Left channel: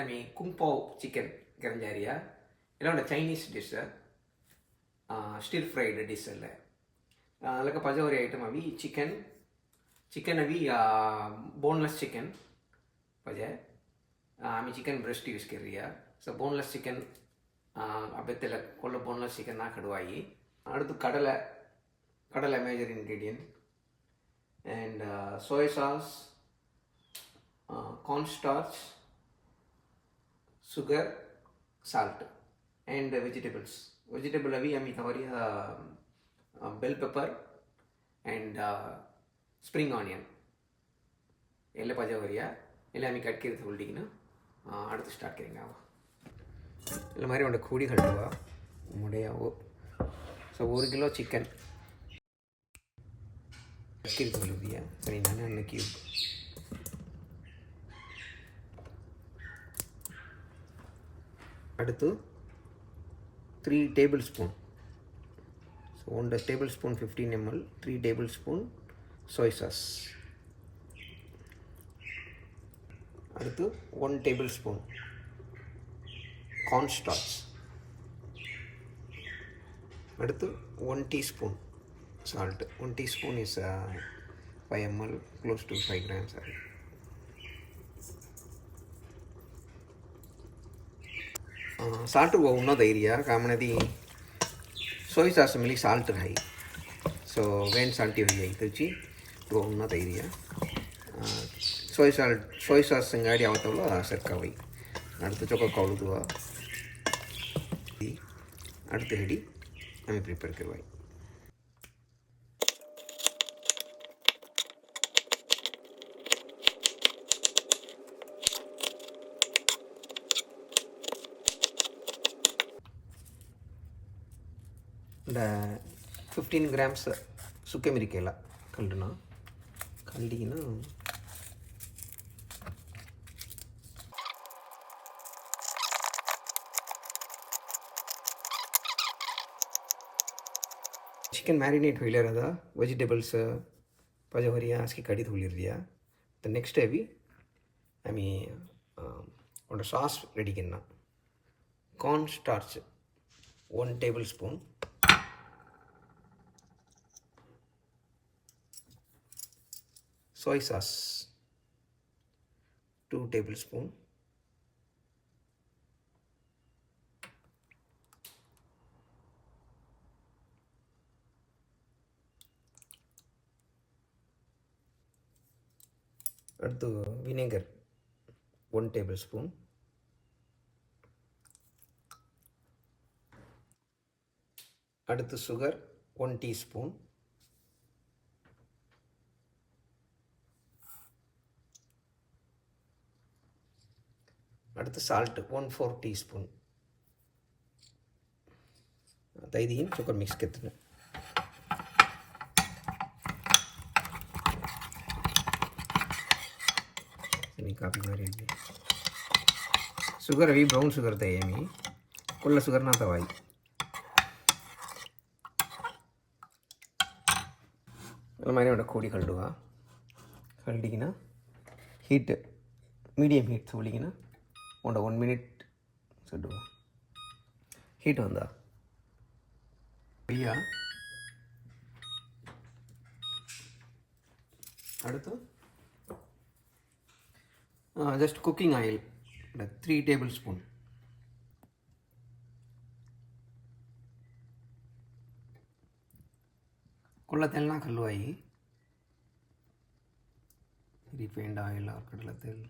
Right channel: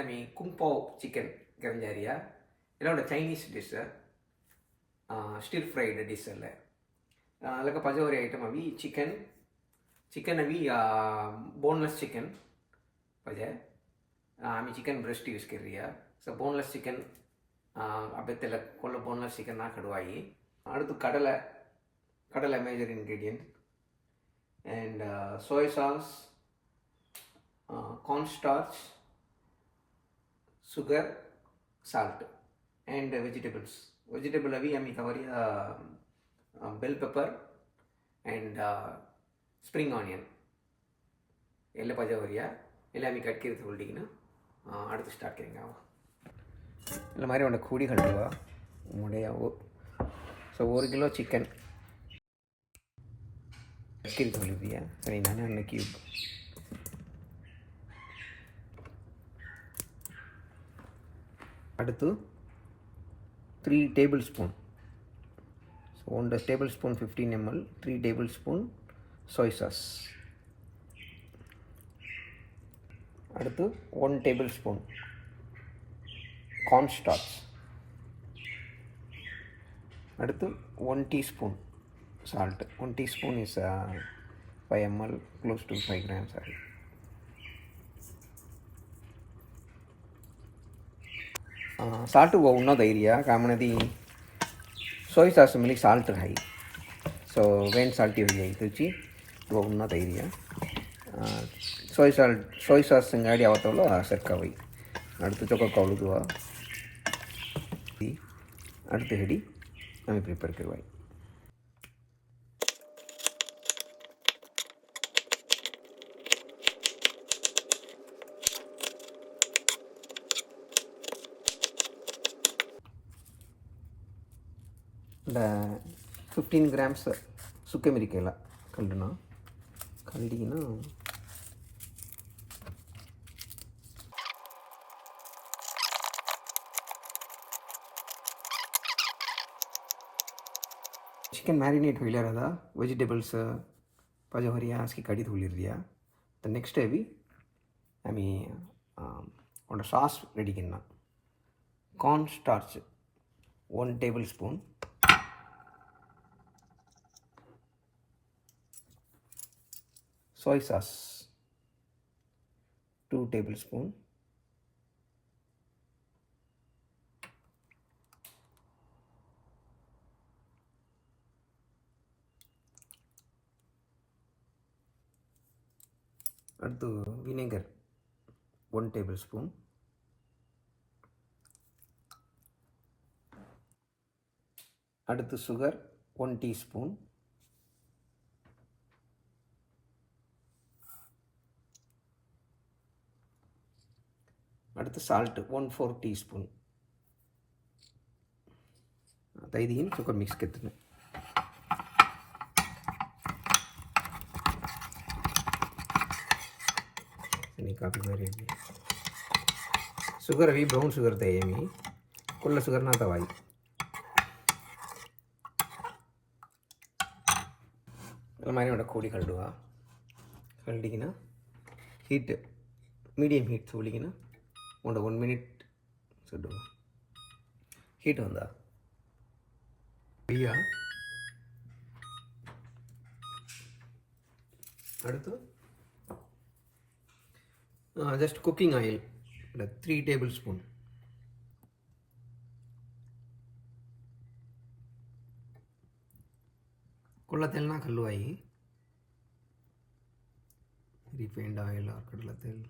आम्ही कुंगपाव चिकन करंजारिया ಎಲ್ಲ ಒಂದು Chinese dish stir fried dish ಅಲ್ಲ ಅದಕ್ಕೆ ಪಜವರಿ ಐಟಮ್ ಅವಿ ಚಿಕನ್ ಅವಿ ಬೋನ್ಲೆಸ್ ಚಿಕನ್ ಪಜೆ आम्ही चिकन ब्रेस्ट यूज कर रही है सो बोनलेस चिकन अबेत्तेल कोल्ल बोनलेस चिकन ना कड़वाई अड़तु कडले major ingredient and soy sauce, cornstarch, sugar, salt and vegetables. Vegetable अभी हमें तवरिया bell pepper and spring onion ಎಲ್ಲ ಪಜವರಿಯ ಎಲ್ಲ ಹमें कट कर थोड़ी ना அடுத்து ஸ்டார்ட் करेंगे वो இந்த மாதிரி ஒன்று கூடி கட்டுவா முடியாவோ ஸோ 1 கிலோ சிக்கன் கட் कर दिया சரிங்களா இன்னைக்கு அடுத்து 3 tablespoon so 1 tablespoon 15 ml 3 tablespoon soy sauce அடுத்து 1 tablespoon cornstarch அடுத்து 1 teaspoon salt 1 teaspoon is 5 ml close to 5 grams salt वो उन्नो धैर्य कामनदी soy sauce मिली salt है so when salt ये तुची वो उन्नो धैर्य soy sauce संगाड़ी आवतो लो सरका हुई அடுத்து चोको कावलू दुआ அடுத்து हेडी हमें प्रिपेयर करवाई இந்த 15 grams சுக்க மிரிக்கல கல்லுனா கல்லினா चिकन मैरिनेट हो रहा वेजिटेबल्स पजवरिया उसकी कड़ी धुल दिया तो नेक्स्ट अभी हमें और सॉस रेडी करना corn starch 1 tablespoon soy sauce 2 tablespoon அடுத்து vinegar 1 tablespoon அடுத்து sugar 1 teaspoon அடுத்து salt 1/4 teaspoon தைதியின் சுகர் மிக்ஸ் करते काफ़ी सारी शुगर अभी ब्राउन शुगर थे मी कुल्ला शुगर ना तवाई मैंने उड़ा खोड़ी कल्लुआ कल्ली की ना हीट मीडियम हीट सोली की ना उड़ा 1 minute सुडुआ हीट होंदा भैया அடுத்து just cooking oil like 3 tablespoon कुल्ला तेल ना कलवाई रिफाइंड ऑयल और कड़ला तेल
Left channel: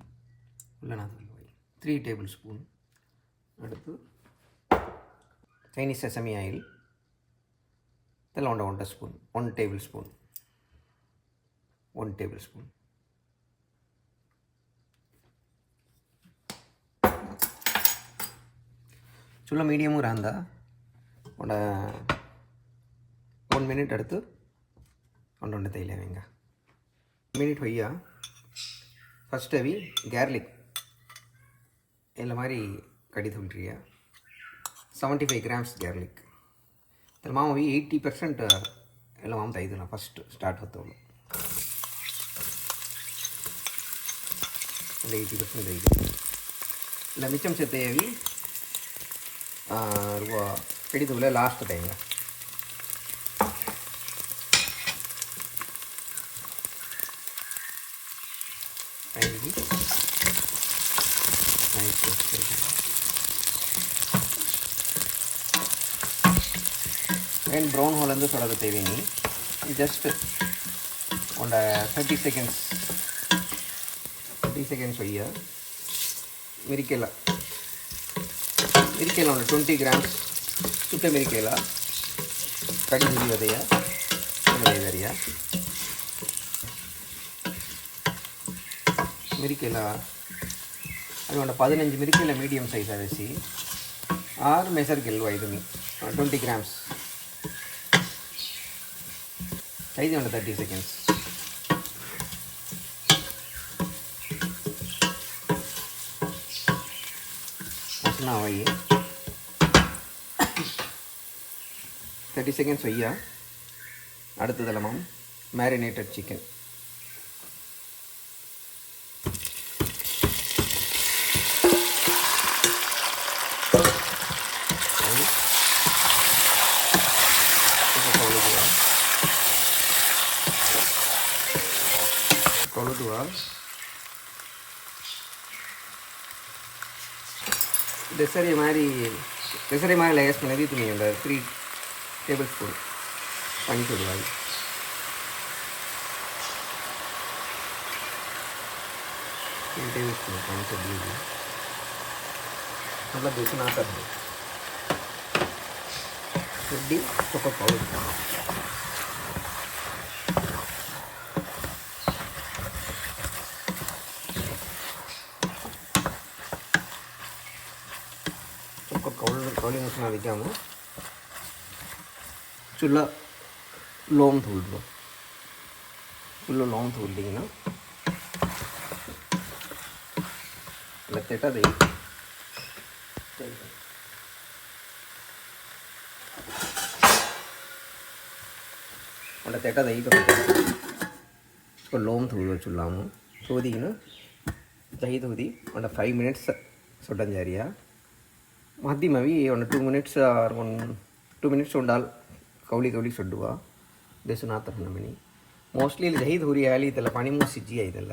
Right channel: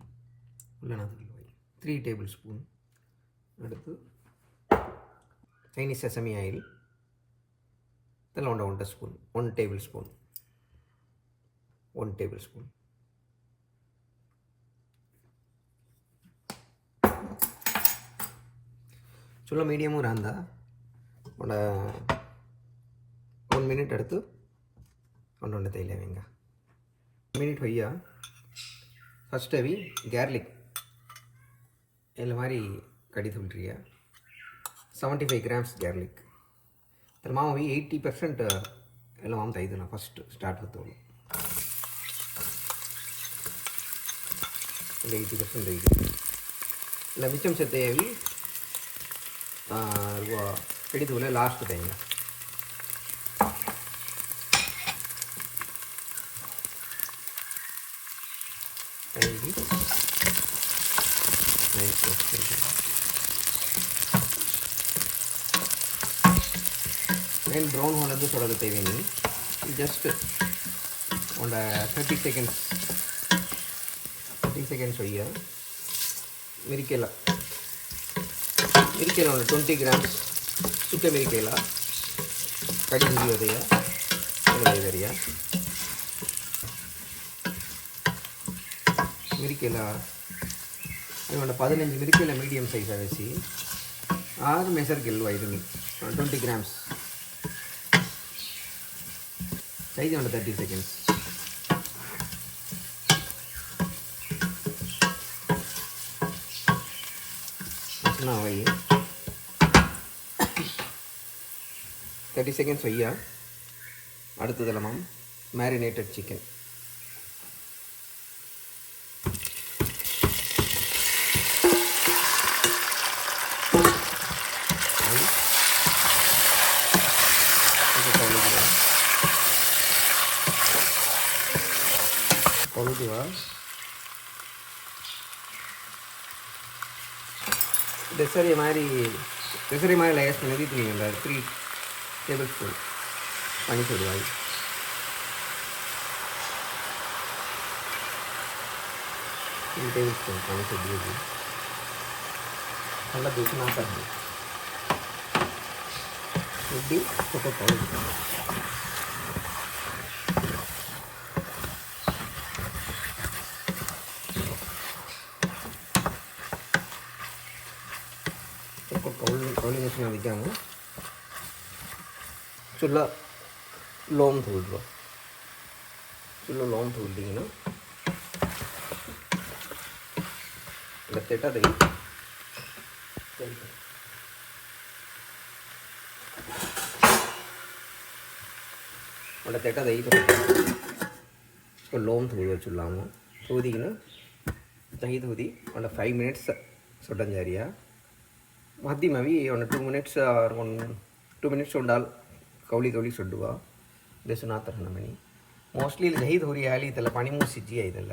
कुल्ला ना कलवाई 3 tablespoon அடுத்து Chinese sesame oil तेल 1 spoon 1 tablespoon 1 tablespoon चुल्ला मीडियम रहा और 1 minute அடுத்து ஒன்று தேயிலைங்க மினிட் भैया फर्स्ट अभी गार्लिक ಎಲ್ಲ ಮಾರಿ ಕಡಿ ತುಳ್ರಿಯ 75 grams garlic तर माम अभी 80% ಎಲ್ಲ ಮಾಮ ತೈದಲ್ಲ ಫಸ್ಟ್ ಸ್ಟಾರ್ಟ್ ಹೊತ್ತವಳು 80% ಐದು இல்லை மிச்சம் சேர்த்தையவி எடுத்துக்குள்ள லாஸ்ட் டைம் ಏನು ಬ್ರೌನ್ ಹೋಲ್ ಅಂದ್ರೆ ತೊಡಗುತ್ತೇವೆ ನೀ ಜಸ್ಟ್ ಒಂದು 30 seconds ಒಯ್ಯ ಮಿರಿಕೆಲ್ಲ ಒಂದು 20 grams ಸುಟ್ಟ ಮಿರಿಕೆಲ್ಲ ಕಡಿ ಹಿಡಿಯೋದೆಯ ಇದೆಯ ಮಿರಿಕೆಲ್ಲ ಅದು ಒಂದು 15 ಮಿರಿಕೆಲ್ಲ ಮೀಡಿಯಮ್ ಸೈಜ್ ಅನಿಸಿ 6 ಮೆಸರ್ ಗೆಲ್ವ ಇದು 20 grams ಸೈಜ್ ಒಂದು 30 seconds ಅಷ್ಟನಾಗಿ 30 seconds ಒಯ್ಯ அடுத்ததில் மேம் மேரினேட்டட் சிக்கன் கழுதுவா டெசரி மாதிரி லேயர்ஸ் பண்ணி நீங்கள் இந்த 3 tablespoon பண்ணி சொல்லுவாங்க 3 tablespoon பண்ணி சொல்லுவாங்க நல்லா பேசி நான் தருது எப்படி கொக்கோ பவுடர் कौली मसला दिखाऊँ चूल्हा लौंग धूल लो चूल्हा लौंग धूल देंगे ना लगता दही लगता दही तो उसको लौंग धूल चूल्हा में धोदी ना दही धोदी 5 minutes सुटन जा रही है ಮಧ್ಯಮ ಅವಿ ಒಂದು 2 minutes ಆರ್ 2 minutes ಉಂಡಾಲ್ ಕೌಲಿ ಸುಡ್ಡುವ ದೇಸುನಾಥರ ನಮನಿ ಮೋಸ್ಟ್ಲಿ ಇಲ್ಲಿ ದಹಿ ಧೂರಿ ಆಲಿ ಇದೆಲ್ಲ ಪಾನಿ ಮೂರು ಸಿಜ್ಜಿ ಇದೆಲ್ಲ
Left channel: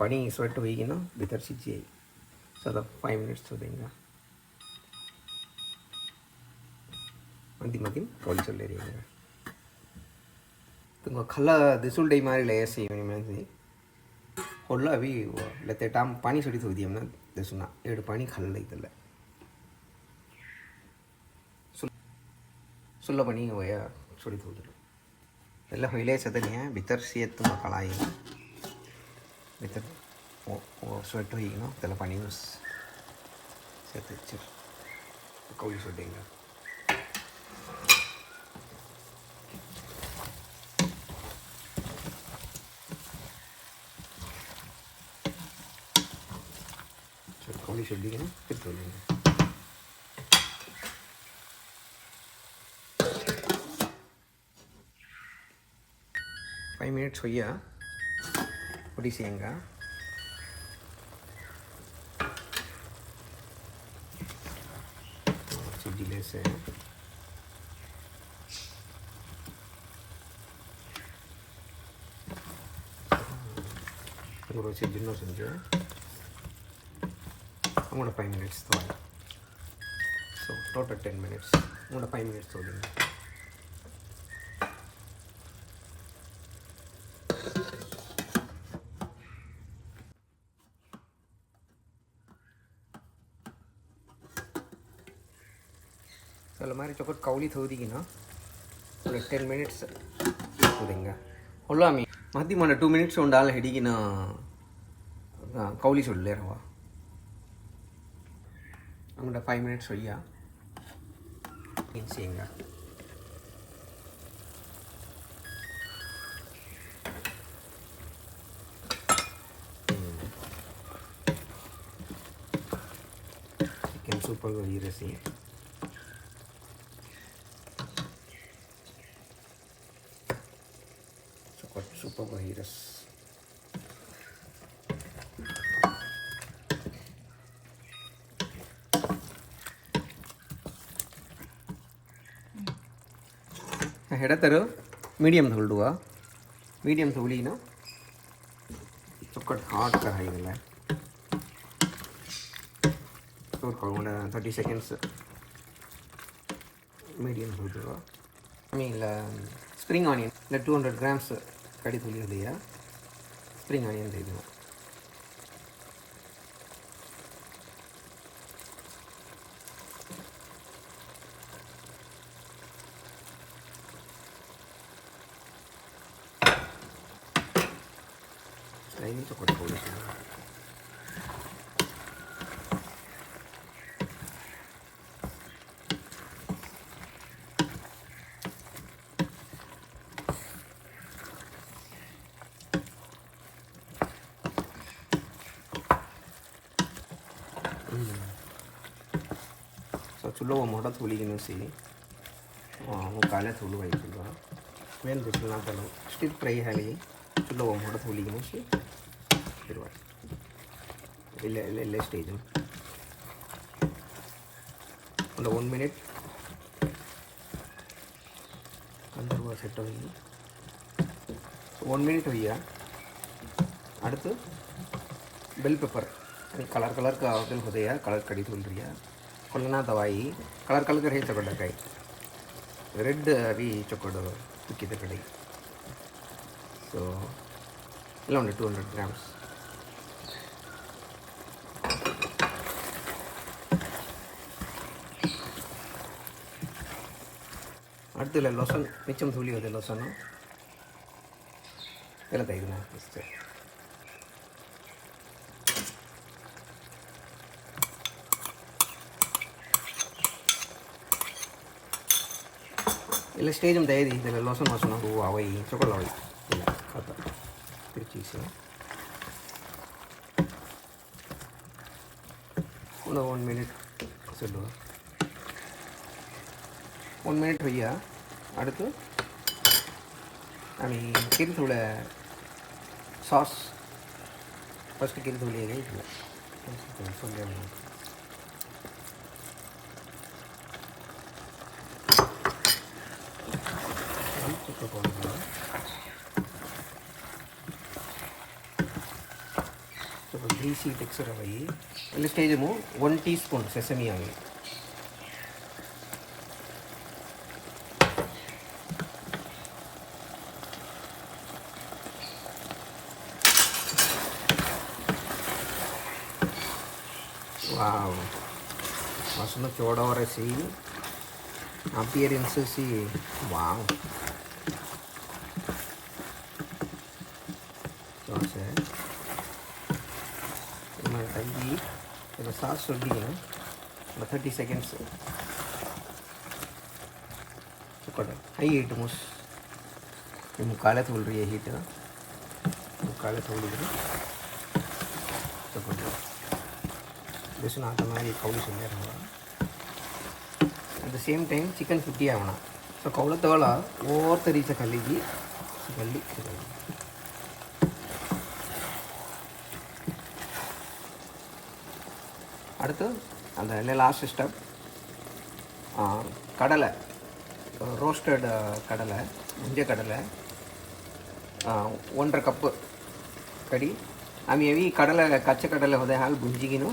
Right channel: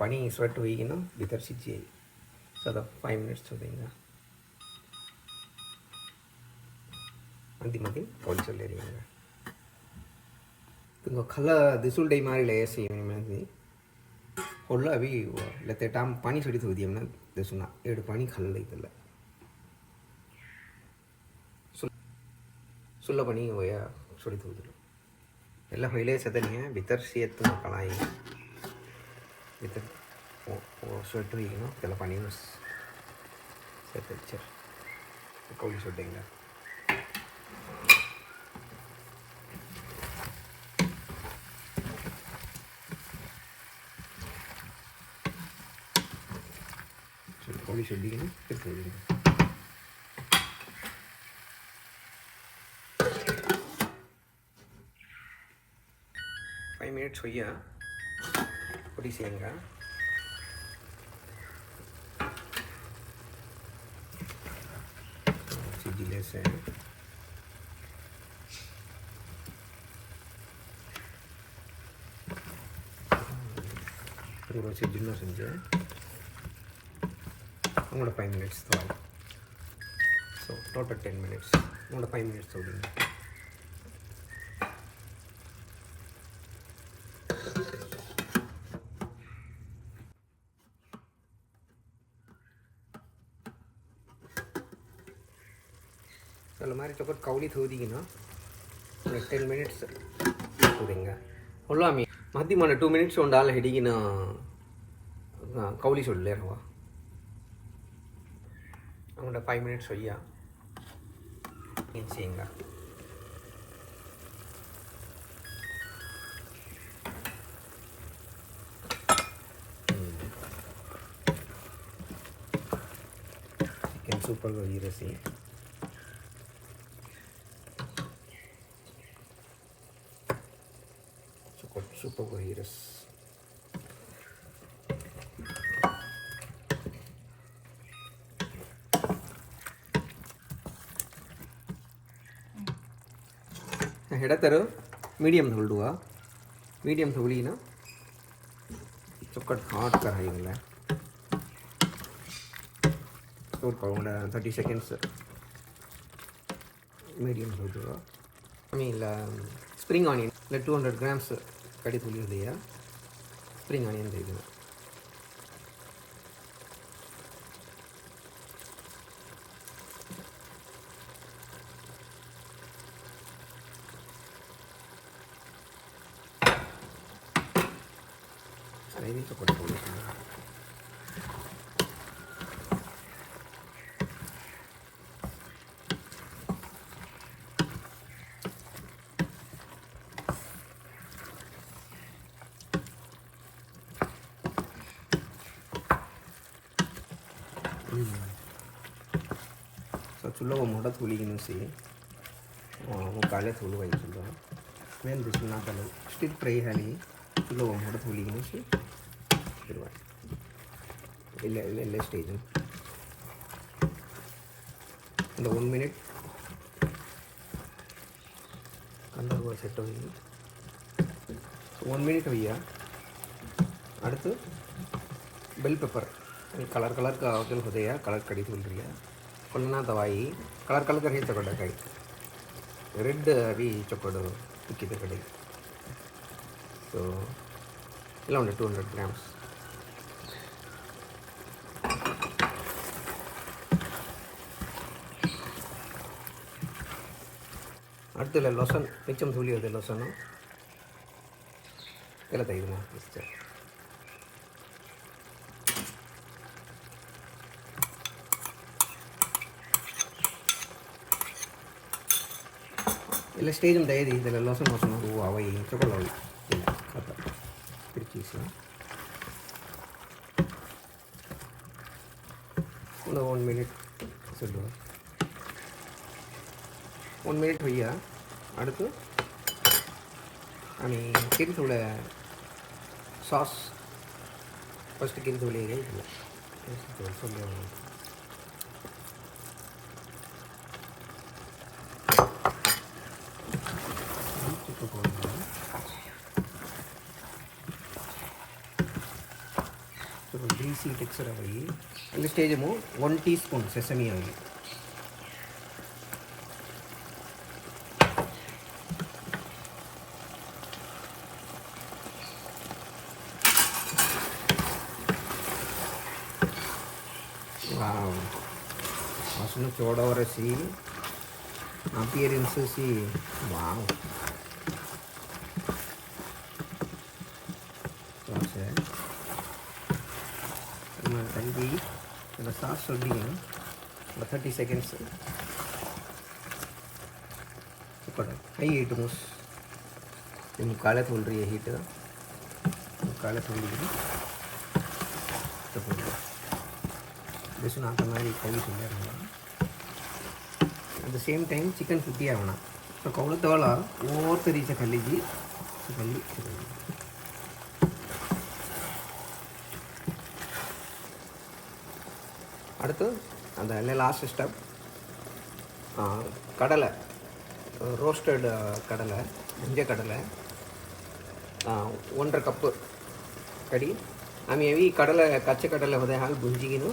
ಪಾನಿ ಸ್ವಟ್ ಹೋಗಿನ ಬಿತರ್ ಸಿಜ್ಜಿ ಆಯಿ ಸೊ ಅದು 5 minutes ಹೋದಂಗ ಮಧ್ಯಮ ಕೌಲಿ ಸೊಲ್ಲೇರಿ ಹಂಗ ತುಂಬ ಖಲ್ಲ ದಿಸುಲ್ ಡೈ ಮಾರಿ ಲೇಯರ್ಸಿ ನಿಮಗೆ ಹೊಳ್ಳ ಅವಿ ಲತ್ತೆ ಟಾಮ್ ಪಾನಿ ಸುಡಿ ಹೋದಿ ಅಮ್ಮ ದೇಸುನಾ ಎರಡು ಪಾನಿ ಖಲ್ಲ ಇದೆಲ್ಲ सुल्ला बनी होया छोड़ी थोड़ी ಎಲ್ಲ ಹೊಯ್ಲೆ ಸದನಿಯ ಬಿತರ್ ಸಿಯತ್ತು ಕಳಾಯಿ ಬಿತರ್ ಸ್ವಟ್ಟು ಹೀಗೆ ತೆಲ ಪಾನಿ ಸೆಚ್ಚರ್ कोई छोड़ेगा कोई छोड़ेगा ना फिर छोड़ेंगे 5 minutes होइए पूरी सेंगा चिल्ले से पूरा चिल्लो संजे हमारा 5 minutes तो so not at 10 minutes हमारा 5 minutes हो गए चलो हमारे चपर कौली थोड़ी ना 10 minutes होदेंगे होला मी मध्य मन 2 minutes उंडाल हिडिगी ना कौली सुडले रवा हमारा 5 minutes होइया ये सेंगा चिकन सूपर को ये रसी super virus ಹೆಡತರು ಮೀಡಿಯಮ್ ಹೊಲ್ಡುವ ಮೀಡಿಯಮ್ ಹೊಲಿನ ಚೊಕ್ಕಟ್ ಹಾಟ್ ಕರಾಯಿಲ್ಲ ತೋರ್ಕೊಳ್ಳೋಣ 30 seconds ಮೀಡಿಯಮ್ ಹೊಲ್ಡುವ ಆಮೇಲೆ ಸ್ಪ್ರಿಂಗ್ ಆನಿಯನ್ ಇಲ್ಲ 200 grams ಕಡಿ ತುಳಿಯೋದೆಯ ಸ್ಪ್ರಿಂಗ್ ಆನಿಯನ್ ಇದು ini cukup boleh. So chullo moda thuli gino si वो काले थोलू भाई चुल्लो मेन बिस्मिल्लाह करो स्टिल फ्राई है नहीं चुल्लो मोड़ा थोली गनो से ಎಲ್ಲ ಸ್ಟೇಜು ಒಂದು 1 minute அந்த செட் ஆகி 1 minute வையா அடுத்து பெல் பெப்பர் कलर कलर का आवल होते हैं कलर कड़ी बोल रही है कोलना दवाई कलर कलर कर चकड़ कई रेड अभी चकड़ कुछ कड़ी सो ಇಲ್ಲ 200 grams அடுத்து லோசன் மிச்சம் தூளி அது லோசன் ಎಲ್ಲ ತೆಗೆದು ಅಷ್ಟೇ ಇಲ್ಲ ಸ್ಟೇಜ್ ಅಂತ ಇದೆ ಇದೆಲ್ಲ ಲೋಸನ್ ಲೋಸನ್ ಹೂವು ಅವೈ ಚೊಕೊಳವೈ ಇಲ್ಲ ಕಥ ಚೀಸ್ ಒಂದು 1 minute சொல்லுவா 1 minute भैया அடுத்து আমি किरी थोड़ा सॉस फर्स्ट किरी थोड़ी गई ग्रीसी टेक्सचर आई इस स्टेज में 1 teaspoon सेसमी ऑयल वाव वासना चौड़वर सी appearance सी वाव तंगी सास ना 30 seconds हाई हीट मोस काले तोल रही है हीट काले तोल बेसन आता मैं कौल at the same time chicken 50 आवना सो कौल तवला ओर तरीच कल्ली அடுத்து அந்த லாஸ்ட் ஸ்டெப் கடலை ரோஸ்டட் கடலை முஞ்ச கடலை 1.5 कप कड़ी आम्ही हेवी கடலை कच्चे கடலை होते हावी भुंजिगिनो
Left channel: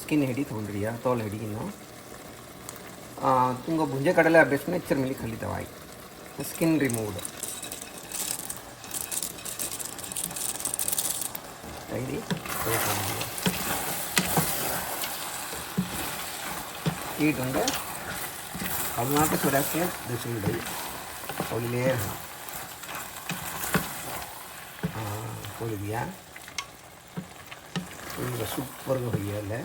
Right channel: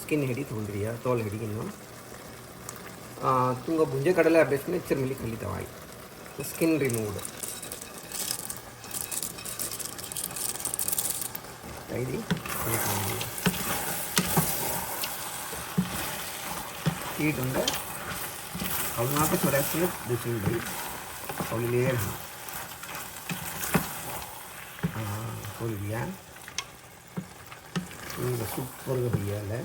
स्किन हिडी तोंड्रिया तोल हिडिगिनो तुंग भुंजे கடலை बेस्ट में इच्छर मिली खली तवाई स्किन रिमूव्ड रेडी हीट होंगे अब यहाँ पे थोड़ा सा दूसरी भाई और लेयर खोल दिया ये सुपर भैया है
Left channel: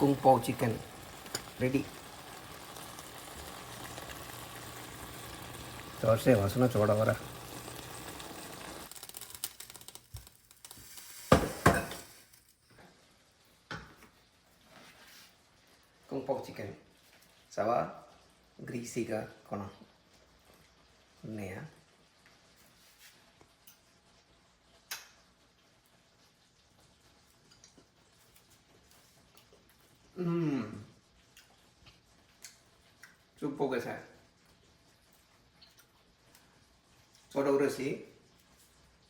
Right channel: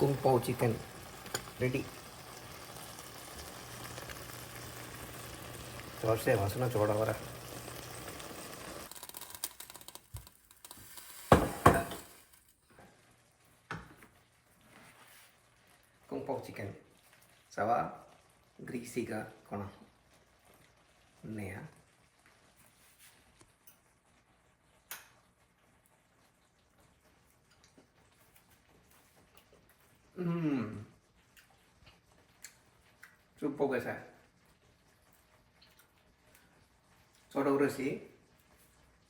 कुंग पाव चिकन रेडी और से वासना चौड़ा वाला कुंग पाव चिकन सवा ग्रीसी का कोना नया Supogasa. Soda urusi.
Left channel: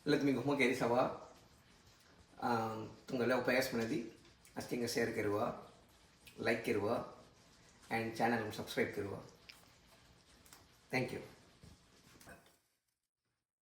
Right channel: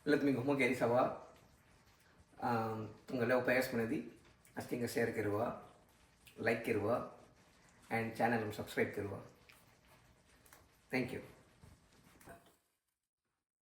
Let me go magari sawa. Tunggala upayas manadi. Astinga share kiruwa, like kiruwa, and channel subscribe kiruwa. Thank you.